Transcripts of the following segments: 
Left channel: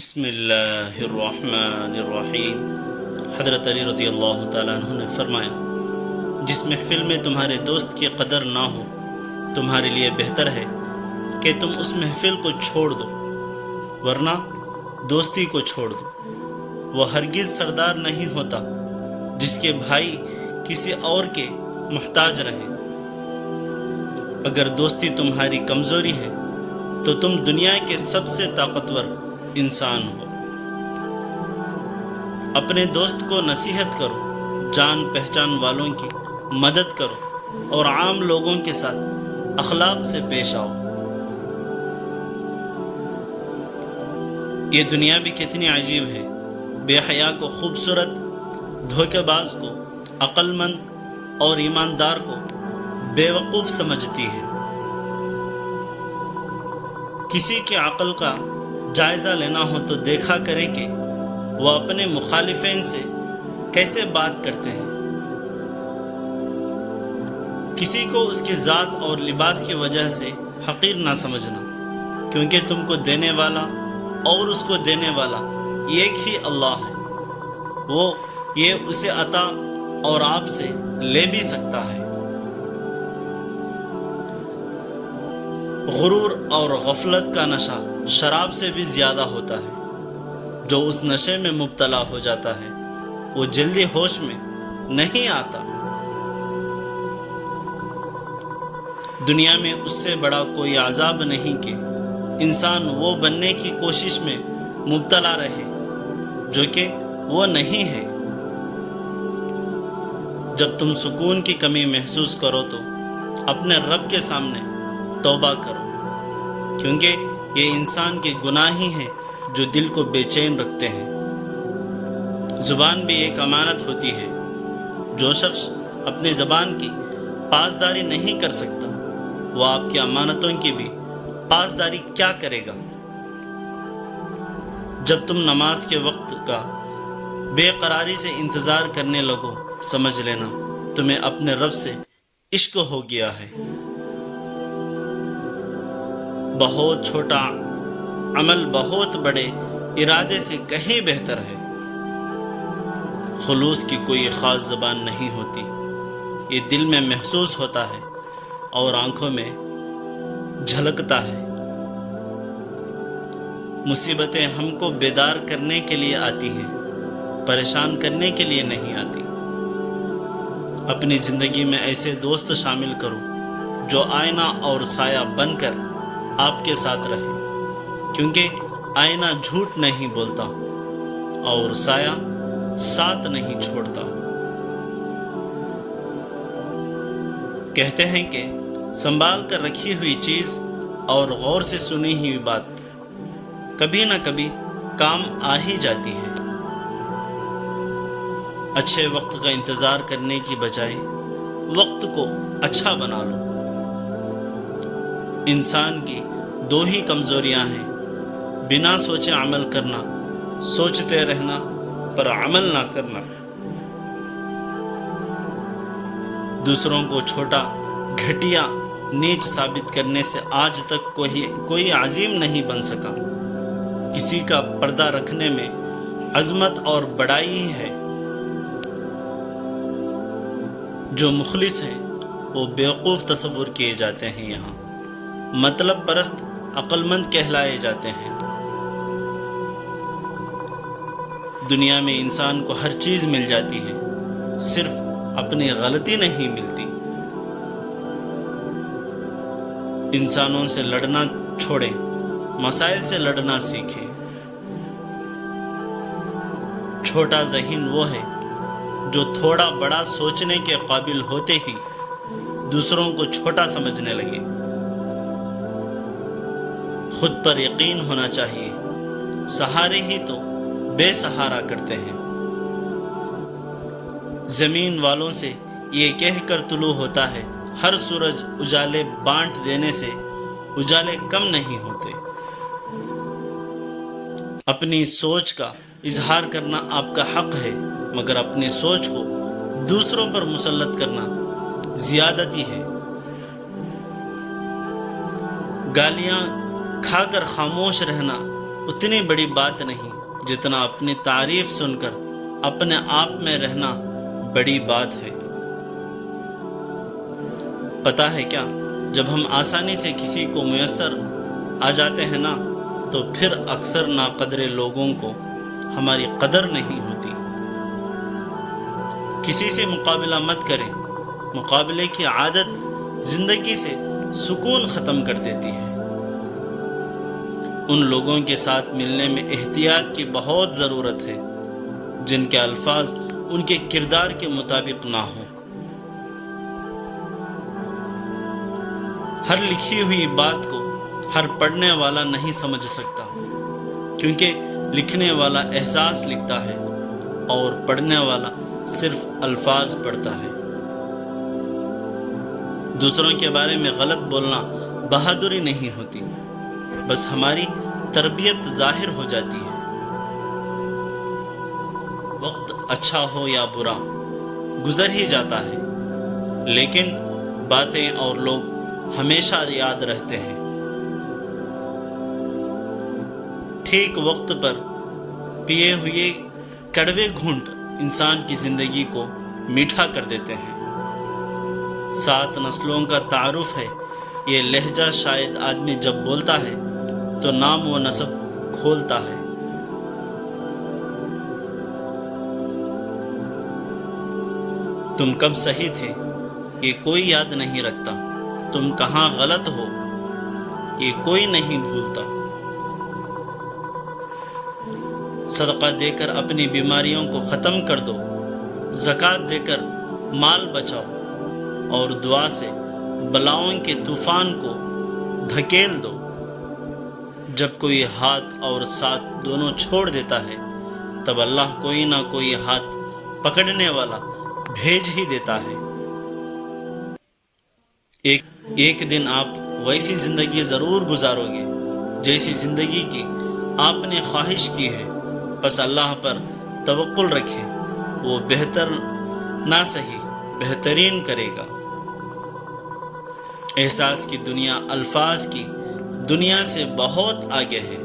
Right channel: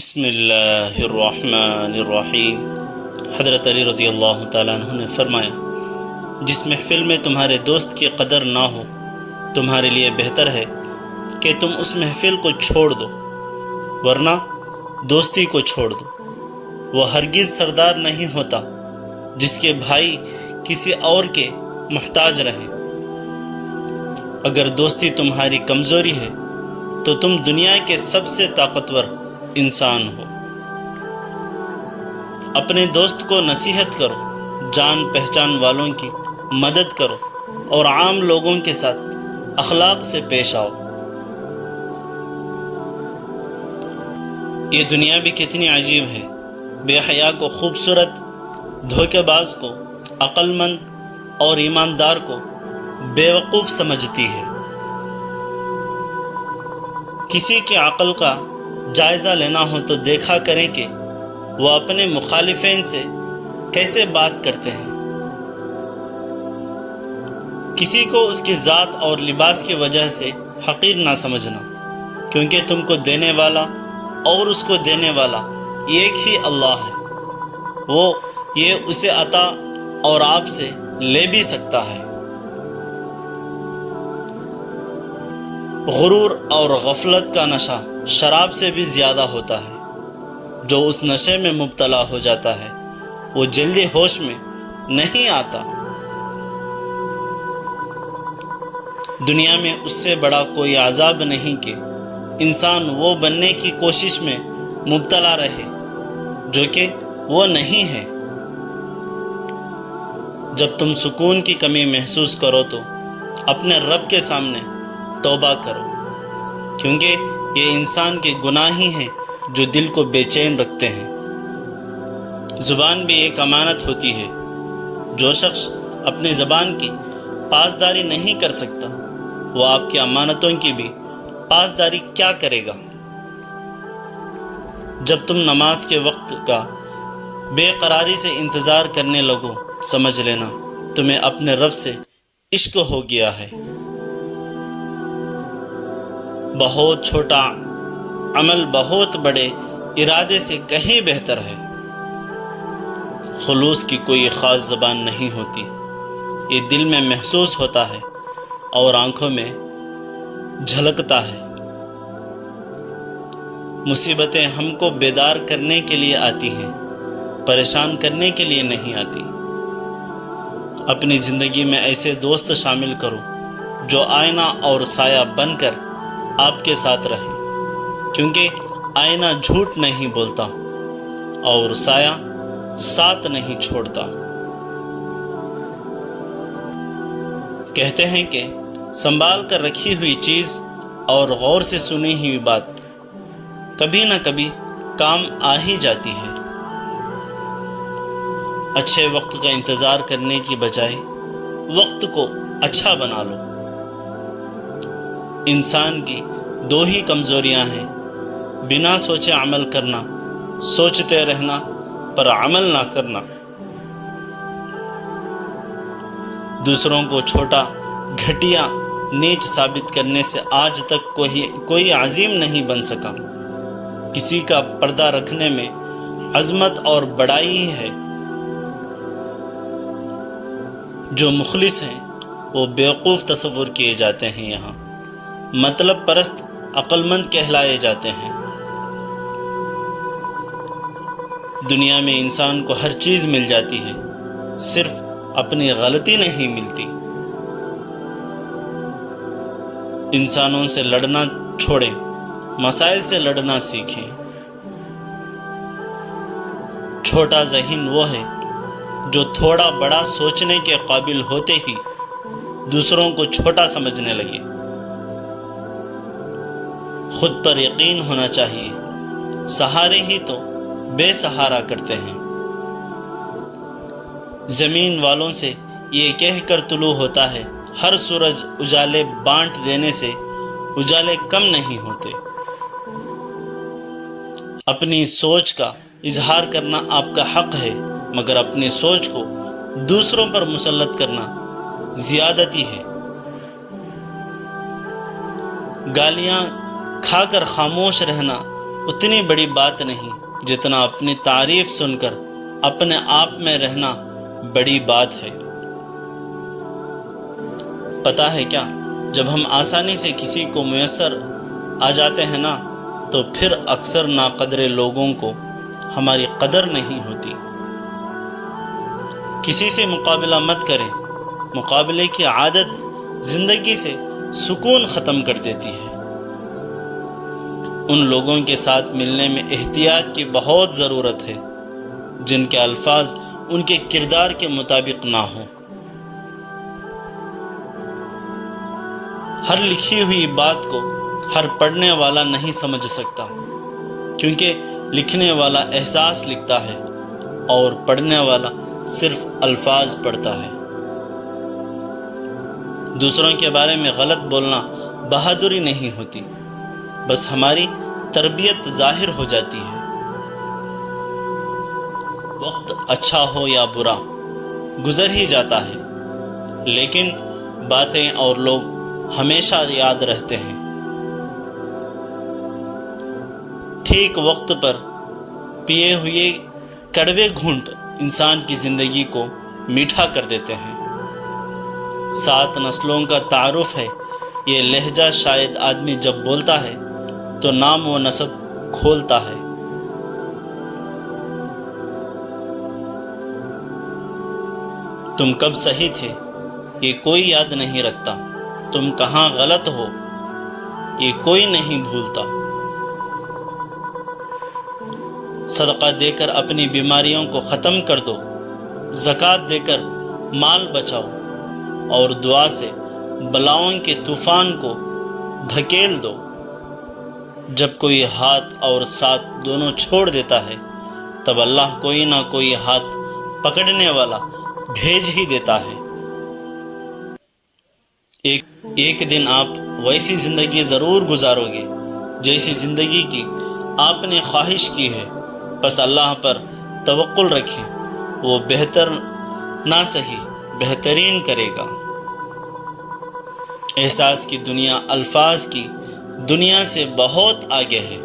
بسم اللہ الرحمن الرحیم۔ حضرت علی رضی اللہ تعالیٰ عنہ نے فرمایا، جس محفل میں تمہارے دوست کی قدر نہ ہو تمہارے لیے بہتر ہے کہ تم اس محفل کو چھوڑ دو، ورنہ دوستی کو چھوڑ دو۔ وہ ہرگز سردار نہیں ہوتا جس کے بھائی کسی اور کے محتاج رہیں۔ اگر دوستی تمہاری کمزوری ہے تو تم دنیا کے سب سے طاقتور انسان ہو۔ اپنے دوست کو نصیحت کرو، جان پہچان والوں کی مدد کرو اور عام لوگوں کے ساتھ اخلاق سے پیش آؤ۔ یہ دنیا بھی کتنی عجیب ہے، بے حیا کو خوبصورت، دھوکے باز کو عقل مند اور ایماندار کو بے وقوف سمجھتی ہے۔ کسی کی عقل کا جائزہ لینا ہو تو دیکھا کریں کہ وہ اپنے مخالفین سے کیسے بات کرتے ہیں۔ کسی کو اس کی ذات اور لباس کی وجہ سے حقیر نہ سمجھنا، کیونکہ تم کو دینے والا اور اس کو دینے والا ایک ہی اللہ ہے۔ وہ یہ اسے عطا اور آپ سے لے بھی سکتا ہے۔ غرور اور غفلت کا نشہ شراب سے بھی زیادہ ہوتا ہے۔ جو اس نشے میں مبتلا ہو جاتا ہے وہ جلدی ہوش میں نہیں آتا۔ دنیا میں اس سے بڑا کوئی عذاب نہیں کہ انسان وہ بننے کی کوشش میں مبتلا رہے جو کہ وہ نہیں ہے۔ جب تم سکون کی کمی محسوس کرو تو اپنے رب کے سامنے توبہ کرو، کیونکہ یہ انسان کے گناہ ہی ہیں جو دل کو بے چین رکھتے ہیں۔ زبان بھی ایک امانت ہوتی ہے۔ جو شخص اپنی زبان کی پاسداری نہیں کر سکتا وہ آپ کی امانتوں کی بھی پاسداری کیا کرے گا۔ جب تم نماز کے وقت کا بے قراری سے انتظار کرنے لگو، سمجھ لینا تمہیں اپنے رب سے عشق ہو گیا ہے۔ بہت چھوٹا عمل بہت بڑے ارادے سے کہیں بہتر ہے۔ خلوص کی کوئی خاص زبان نہیں ہوتی، یہ دل میں محسوس ہوتا ہے اور آنکھوں میں جھلکتا ہے۔ مصیبتیں ہم کو بیدار کرنے کے لیے آتی ہیں، پریشان کرنے کے لیے نہیں آتی۔ اپنی زندگی میں ایسے دوست شامل کرو جو آئینہ اور سایہ بن کر آپ کے ساتھ رہے، کیونکہ آئینہ جھوٹ نہیں بولتا اور سایہ ساتھ نہیں چھوڑتا۔ کہتے ہیں کہ سنبھال کر رکھی ہوئی چیز اور غور سے سنی ہوئی بات کبھی نہ کبھی کام آ ہی جاتی ہے۔ اچھے وقت کا انتظار کرنے کی بجائے وقت کو اچھا بنا لو۔ انسان کی دو ہی کمزوریاں ہیں، بنا سوچے عمل کرنا، سوچتے رہنا پر عمل نہ کرنا۔ دوسروں کو چھوٹا، گھٹیا، نیچ ثابت کرنے سے آج تک کوئی عظیم نہیں بن سکا۔ کسی کا پردہ رکھنے میں عظمت اور بڑائی ہی ہے۔ جو مخلص ہیں وہ بیوقوف تصور کیے جاتے ہیں، یہاں مطلب پرست عقل مند کہلائے جاتے ہیں۔ دنیا میں انسان کو ہر چیز مل جاتی ہے، صرف اپنی غلطی نہیں ملتی۔ انسانوں سے لڑنا چھوڑیں، مسائل سے لڑنا سیکھیں۔ چھوٹا ذہن وہ ہے جو تھوڑا بڑا سوچنے کے قابل ہوتے ہی دوسروں کو چھوٹا سمجھنے لگے۔ خود پر یقین ہونا چاہیے، سہارے ہی تو بے سہارا کرتے ہیں۔ زمین والوں سے یہ کہہ کر طلوع ہوتا ہے، ہر سورج اجالے بانٹ دینے سے اجالے کم نہیں ہوتے۔ اپنی سوچ کا اظہار کرنا آپ کا حق ہے، مگر اپنی سوچ کو دوسروں پر مسلط کرنا زیادتی ہے۔ گالیاں کھا کر خاموش رہنا اتنی بڑی بات نہیں جتنا اپنی تعریف سن کر اپنے آپ میں رہنا بڑی بات ہے۔ پتہ ہے کیا، جب ہم آسانی سے کسی کو میسر آ جاتے ہیں نا، تو پھر اکثر ناقدر لوگوں کو ہماری قدر نہیں ہوتی۔ کسی سے مقابلہ مت کریں، مقابلے کی عادت زندگی سے سکون ختم کر دیتی ہے۔ ان لوگوں کے ساتھ ملنے میں احتیاط کی بہت ضرورت ہے جن کے الفاظ ان کے کردار کے مطابق نہ ہوں۔ ہر لکھی ہوئی بات کو ہر پڑھنے والا نہیں سمجھ سکتا، کیونکہ لکھنے والا احساس لکھتا ہے اور پڑھنے والا صرف الفاظ پڑھتا ہے۔ دوسروں کے بارے میں غلط بولنا بہادری نہیں ہوتی، بس ہماری تربیت ظاہر ہو جاتی ہے۔ وقت اچھا ہو یا برا گزر ہی جاتا ہے، لیکن باتیں اور لوگ ہمیشہ یاد رہتے ہیں۔ ٹھیک وقت پر پیے ہوئے کڑوے گھونٹ انسان کی زندگی کو میٹھا کر دیتے ہیں۔ 7 نسلوں کا تعارف ہے یہ لہجہ، شاید آدمی جب بولتا ہے تو نام و نسب کھولتا ہے۔ تم کب صحیح تھے یہ کوئی یاد نہیں رکھتا، تم کہاں غلط ہو یہ کوئی نہیں بھولتا۔ صدقہ دے کر اپنی بیماریوں کو ختم کر دو، زکوٰۃ دے کر مال بچاؤ، اور دعا سے بلاؤں کے طوفان کو دھکیل دو۔ جب کوئی ہاتھ اور ساتھ دونوں چھوڑ دیتا ہے، تب اللہ کوئی نہ کوئی ہاتھ پکڑنے والا بھیج ہی دیتا ہے۔ ایک دن آپ ویسی زندگی ضرور گزارو گے جیسی زندگی کی آپ نے خواہش کی ہے، بس اللہ پر توکل رکھیں، وہ بہتر نہ صحیح بہترین کرے گا۔ احساس کی دنیا الفاظ کی دنیا سے بہت آگے ہے۔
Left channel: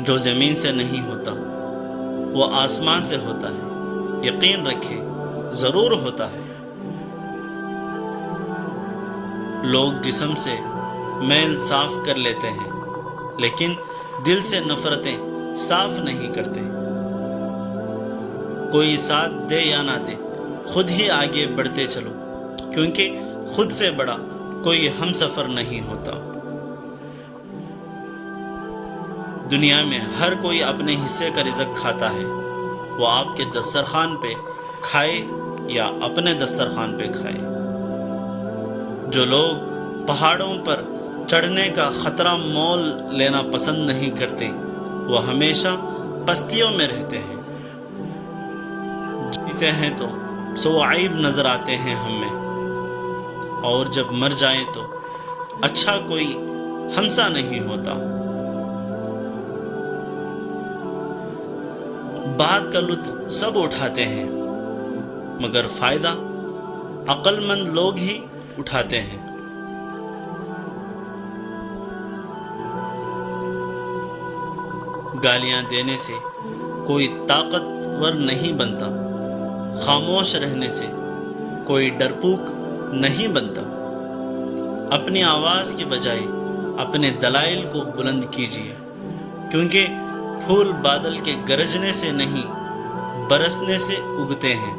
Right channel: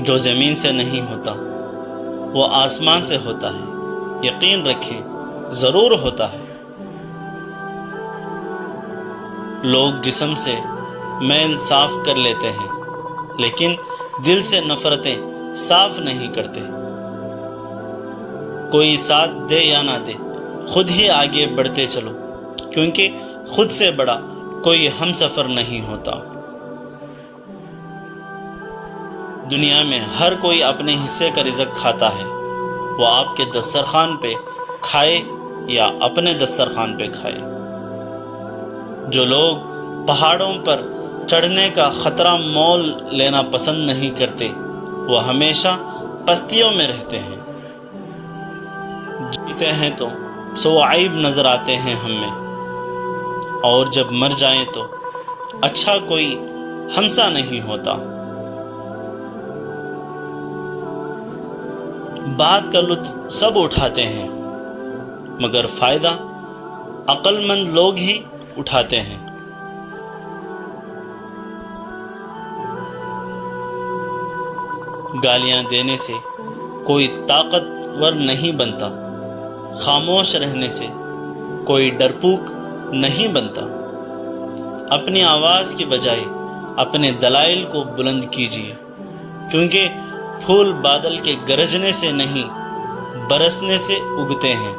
جو زمین سے نہیں ہوتا وہ آسمان سے ہوتا ہے، یقین رکھیں ضرور ہوتا ہے۔ لوگ جسم سے میل صاف کر لیتے ہیں، لیکن دل سے نفرتیں صاف نہیں کرتے۔ کوئی ساتھ دے یا نہ دے، خود ہی آگے بڑھتے چلو، کیونکہ خود سے بڑا کوئی ہم سفر نہیں ہوتا۔ دنیا میں ہر کوئی اپنے حصے کا رزق کھاتا ہے، وہ آپ کے دسترخوان پہ کھائے یا اپنے دسترخوان پہ کھائے۔ جو لوگ پہاڑوں پر چڑھنے کا خطرہ مول لینا پسند نہیں کرتے، وہ ہمیشہ پستیوں میں رہتے ہیں۔ جیتے ہیں تو سو عیب نظر آتے ہیں ہم میں، اور جب مر جائیں تو اچھا کوئی ہمسا نہیں ہوتا۔ بات کا لطف سب اٹھاتے ہیں، مگر فائدہ عقل مند لوگ ہی اٹھاتے ہیں۔ گالیاں دینے سے کوئی طاقتور نہیں بنتا، خاموش رہنے سے کوئی ڈرپوک نہیں بنتا۔ اپنی آواز کی بجائے اپنے دلائل کو بلند کیجیے، کیونکہ پھول بادل کے گرجنے سے نہیں برسنے سے اگتے ہیں۔